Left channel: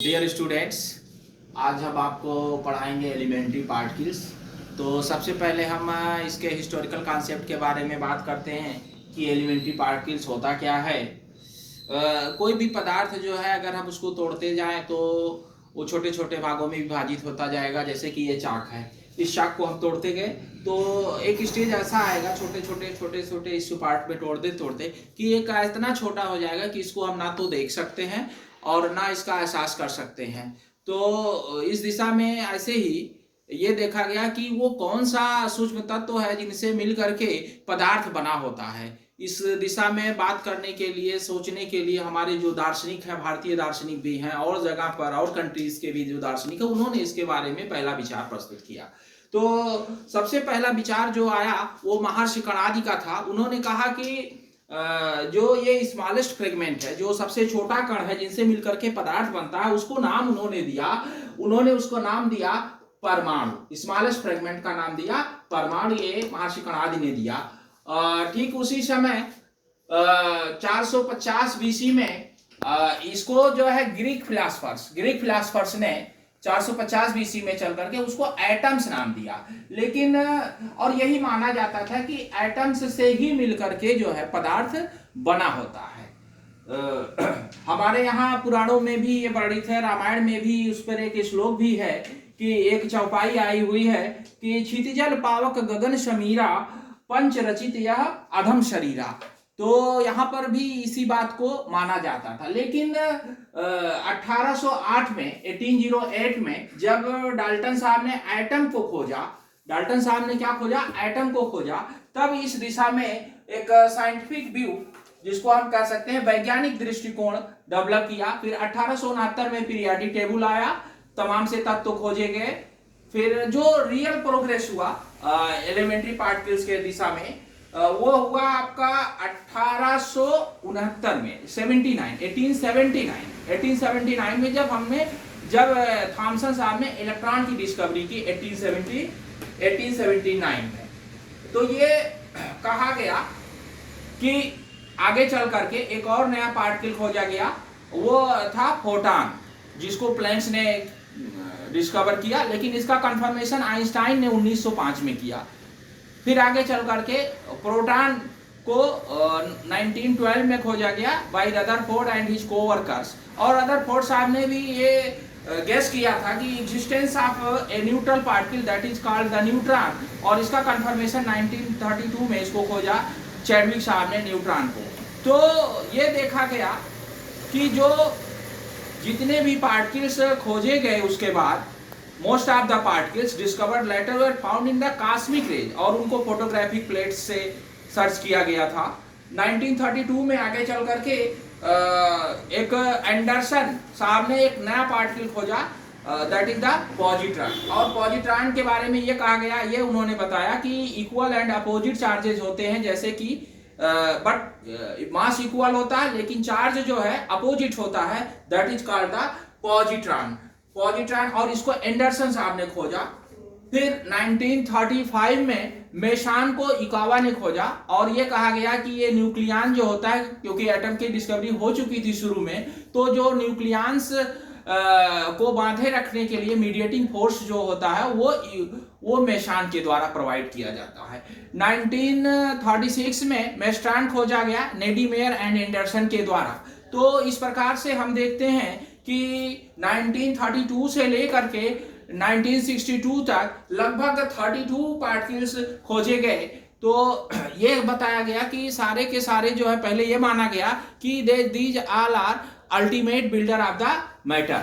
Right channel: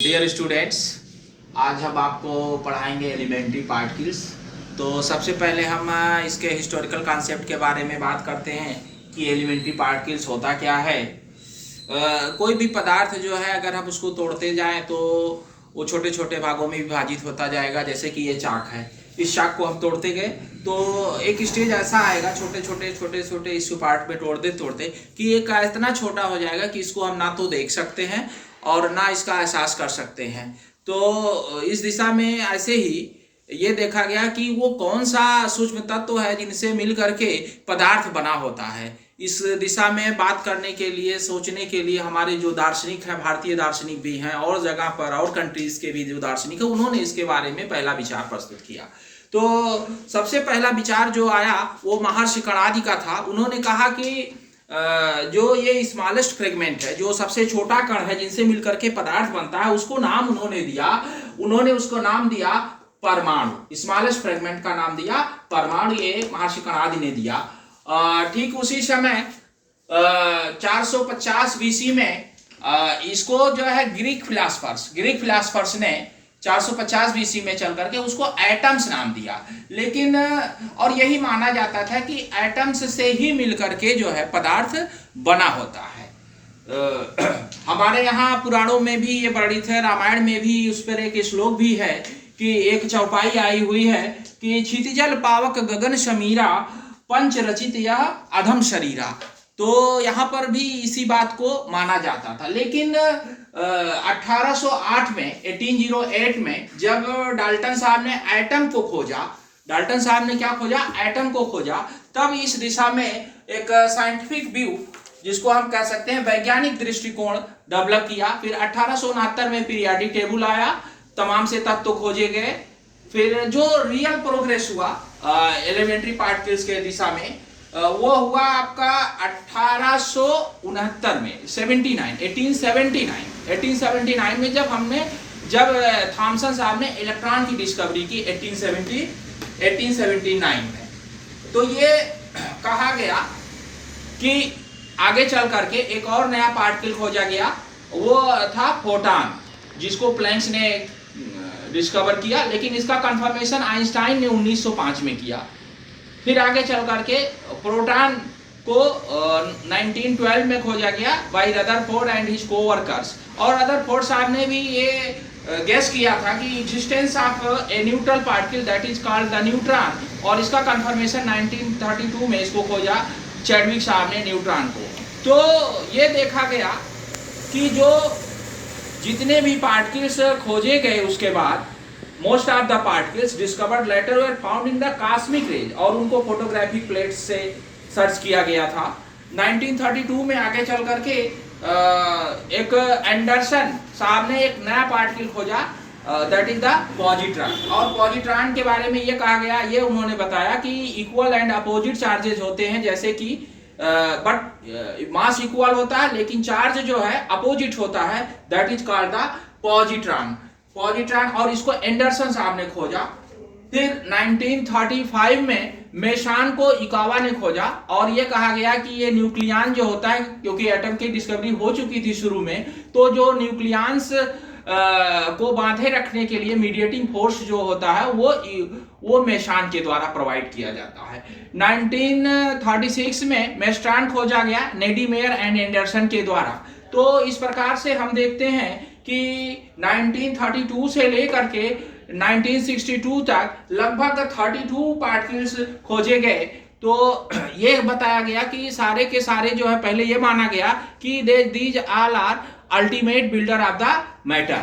Dear students, आज हम आपको पढ़ाएंगे एलिमेंट्री पार्टिकल्स। तो सबसे पहले हम इसके हिस्टोरिकल कॉन्सेप्ट के बारे में बात करते हैं कि एलिमेंट्री पार्टिकल्स होता क्या है। कोई भी पदार्थ जो है अगर हम उसको तोड़ते जाएं तो वो छोटे छोटे भागों में विभाजित होता जाएगा। जैसे कि ये चाक है, इस चाक को हम तोड़ते गए तो एक स्टेज ऐसा आएगा छोटे छोटे इस पार्ट में तोड़ते तोड़ते कि एक इतना छोटा हो जाएगा कि इसको हम ना तो देख सकते हैं और ना इसका एहसास कर सकते हैं। तो इस दिशा में ऐसे ही ये देखा गया कि वो कौन सा सूक्ष्म तत्व है जिनसे मिल करके पदार्थ बना होता है। इस दिशा में बात करने के लिए, सोचने के लिए हमारे जो दार्शनिक हैं, भारतीय दार्शनिक भी हैं और जगह पर और कंट्रीज के भी जो दार्शनिक है, उन्होंने इसके बारे में पहला विचार प्रस्तुत किया। तो सबसे पहला विचार जो आया वो महर्षि कणादि का था। उन्होंने कहा कि जो ये स्मॉलेस्ट फ्रेगमेंट है, जो सबसे छोटा कण है जिनसे मिलकर के पदार्थ बनता है, उसको नाम उन्होंने उसको नाम दिया परमाणु। स्मॉलेस्ट फ्रेगमेंट का नाम दिया परमाणु, ये महर्षि कणादि ने दिया। ठीक उसी समय 450 बीसी में इसको जो है ग्रीक फिलासफर्स ने 450 बीसी में चल करके उसको एटम्स नाम दिया। लेकिन और यही माना जाता था कि एटम्स से ही मिलकर के जो है पदार्थ बना होता है। हमारे यहाँ पुराणों में भी ये वर्णित है, रामायण में भी उस पर एक श्लोक भी है कि एक चौपाई आई हुई है कि क्षितिजल पावक गगन समीरा पंच रचित यह अधम शरीरा। तो यहाँ पर भी इसी बात को माना जाता था। लेकिन 1808 में जब डाल्टन साहब ने एटम को खोजा, डाल्टन साहब ने क्या खोजा? एटम को खोजा। तब इस दिशा में एक साइंटिफिक व्यू, जिसको हम कह सकते हैं वैज्ञानिक दृष्टिकोण, डेवलप किया। फिर 1869 में पीरियोडिक टेबल आया, तमाम से तत्व खोजे गए। फिर जो रियल प्रोग्रेस हुआ एलिमेंट्री पार्टिकल्स के दिशा में, वो हुआ आपका 1869 में 1879 में जब थॉमसन साहब ने इलेक्ट्रॉन की डिस्कवरी की 1879 में। तो ये कहा गया कि आगे चल करके एक और नया पार्टिकल खोजा गया, वो था फोटॉन, जिसको प्लैंक्स ने डिस्कवर किया। लेकिन इसका कंफर्मेशन आइंस्टाइन ने 1905 में किया। फिर आगे चल करके प्रोटॉन को 1912 में खोजा गया by Rutherford and his coworkers. और रदरफोर्ड साहब ने भी ये गेस किया था कि existence of a neutral particle that is called the neutron. और इसका कंफर्मेशन 1932 में इसको खोजा चैडविक साहब ने, न्यूट्रॉन को। तो ये देखा गया कि जो जितने भी पार्टिकल्स खोजे गए उसके बाद most of the particles discovered letter were found in the cosmic rays, और उनको फोटोग्राफिक प्लेट्स से सर्च किया गया था। 1932 में आगे चल करके एक एंडरसन साहब ने एक नया पार्टिकल खोजा, दैट इज द पॉजिट्रॉन। और पॉजिट्रॉन के बारे में ये कहा गया, ये उन्होंने बताया कि इक्वल एंड अपोजिट चार्जेस होते हैं, जैसे कि बट मास इक्वल होता है लेकिन चार्ज जो है अपोजिट होता है, that is called the positron. और इसको एंडरसन साहब ने खोजा। फिर 1935 में मेशान को इकावा ने खोजा, और ये कहा गया कि ये न्यूक्लियन जो होता है, क्योंकि एटम की डिस्कवरी हो चुकी थी शुरू में, तो जो न्यूक्लियंस को बांधे रखने के लिए मीडिएटिंग फोर्स जो होता है वो मेशान के द्वारा प्रोवाइड किया जाता है। 1936 में मेस्ट्रॉन खोजा गया नेडीमेयर एंड एंडरसन के द्वारा। तो इस प्रकार से हम देखते हैं कि 1932 से लेकर के 1962 तक लगभग 32 पार्टिकल्स खोजे गए। तो ये बताया गया कि सारे के सारे जो है, पहले ये माना गया कि these all are ultimate builder of the matter.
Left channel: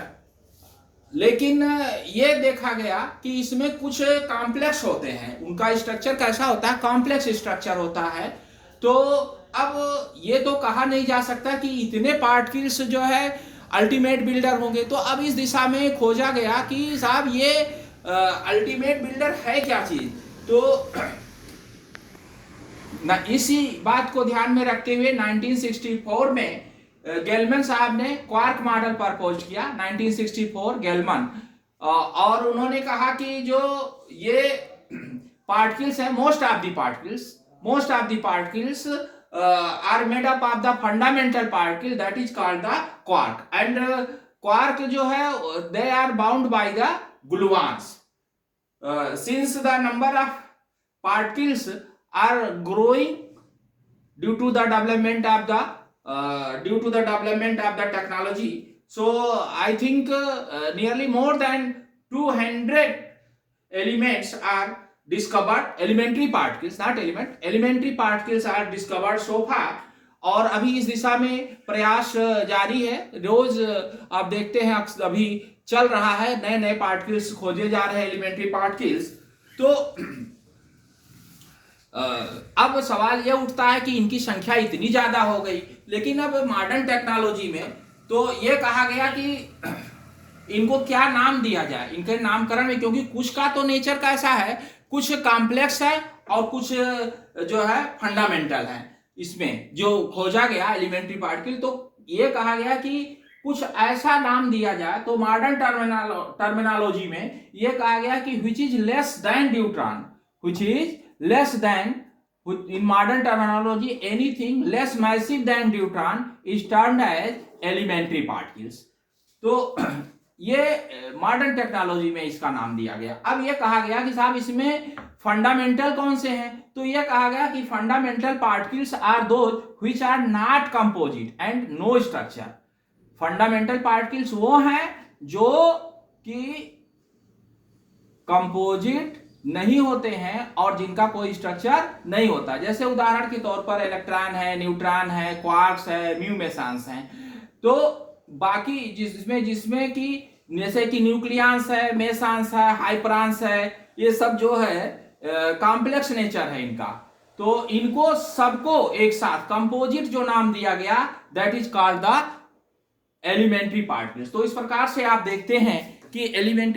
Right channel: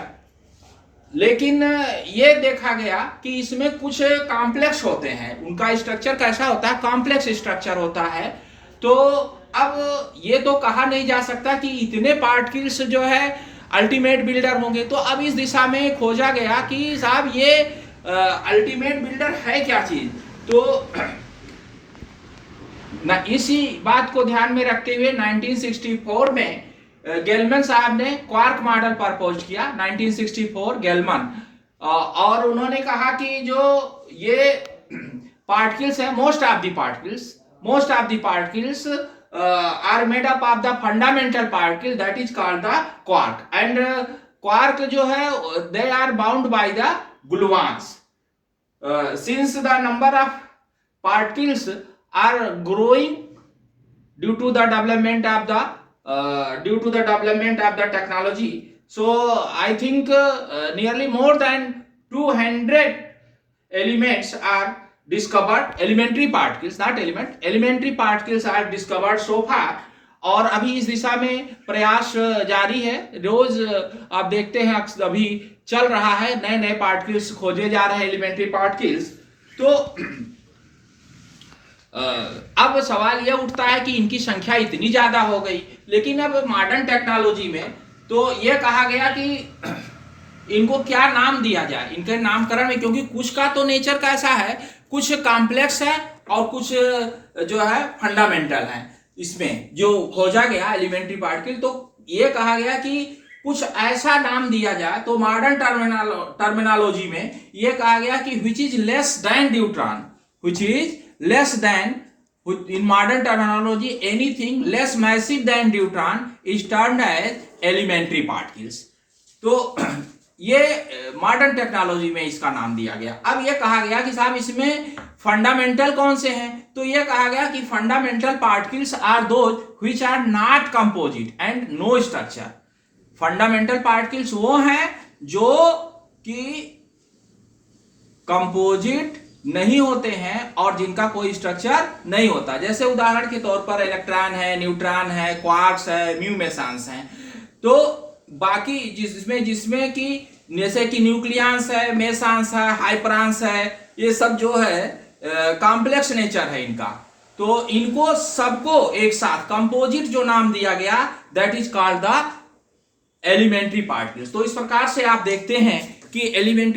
लेकिन ये देखा गया कि इसमें कुछ कॉम्प्लेक्स होते हैं। उनका स्ट्रक्चर कैसा होता है? कॉम्प्लेक्स स्ट्रक्चर होता है। तो अब ये तो कहा नहीं जा सकता कि इतने पार्टिकल्स जो है अल्टीमेट बिल्डर होंगे। तो अब इस दिशा में खोजा गया कि साहब ये अल्टीमेट बिल्डर है क्या चीज। तो ना इसी बात को ध्यान में रखते हुए 1964 में गेलमैन साहब ने क्वार्क मॉडल प्रपोज किया। 1964 गेलमैन, और उन्होंने कहा कि जो ये पार्टिकल्स है, most of the particles are made up of the fundamental particle that is called the quark, and quark जो है they are bound by the gluons. Since the number of particles are growing due to the development of the technology, so I think nearly more than 200 elements are discovered. Elementary particles, not element, elementary particles are discovered so far. और अभी इस दिशा में प्रयास जारी है. रोज आप देखते हैं अभी चल रहा है, नए नए पार्टिकल्स खोजे जा रहे हैं, एलिमेंट्री पार्टिकल्स. तो अब सवाल यह उठता है कि इनकी संख्या इतनी ज्यादा हो गई, लेकिन अब मॉडर्न टेक्नोलॉजी में तो यह कहा गया कि इनको क्या नाम दिया जाए, इनके नामकरण में, क्योंकि कुछ का तो नेचर कैसा है, कुछ कॉम्प्लेक्स है और कुछ जो है फंडामेंटल है. इसमें जो खोजा गया एलिमेंट्री पार्टिकल, तो ये कहा गया कि कुछ ऐसा नाम दिया जाए. तो मॉडर्न टर्मिनोलॉजी में ये कहा गया कि which is less than neutron, which is less than, in modern terminology anything less massive than neutron is termed as elementary particles. तो ये मॉडर्न टेक्नोलॉजी में इसका नाम दिया गया. अब ये कहा गया कि साहब इसमें फंडामेंटल कौन से हैं, तो ये कहा गया कि fundamental particles are those which are not composite and no structure. Fundamental particles वो हैं जो कि कंपोजिट नहीं होते हैं और जिनका कोई स्ट्रक्चर नहीं होता. जैसे उदाहरण के तौर पर इलेक्ट्रॉन है, न्यूट्रॉन है, क्वार्क्स है, म्यू मेसॉन्स हैं. तो बाकी जिसमें कि जैसे कि न्यूक्लियस है, मेसॉन्स है, हाइपरॉन्स है, ये सब जो है कॉम्प्लेक्स नेचर है इनका. तो इनको सबको एक साथ कंपोजिट जो नाम दिया गया, that is called the elementary particles. तो इस प्रकार से आप देखते हैं कि एलिमेंट्री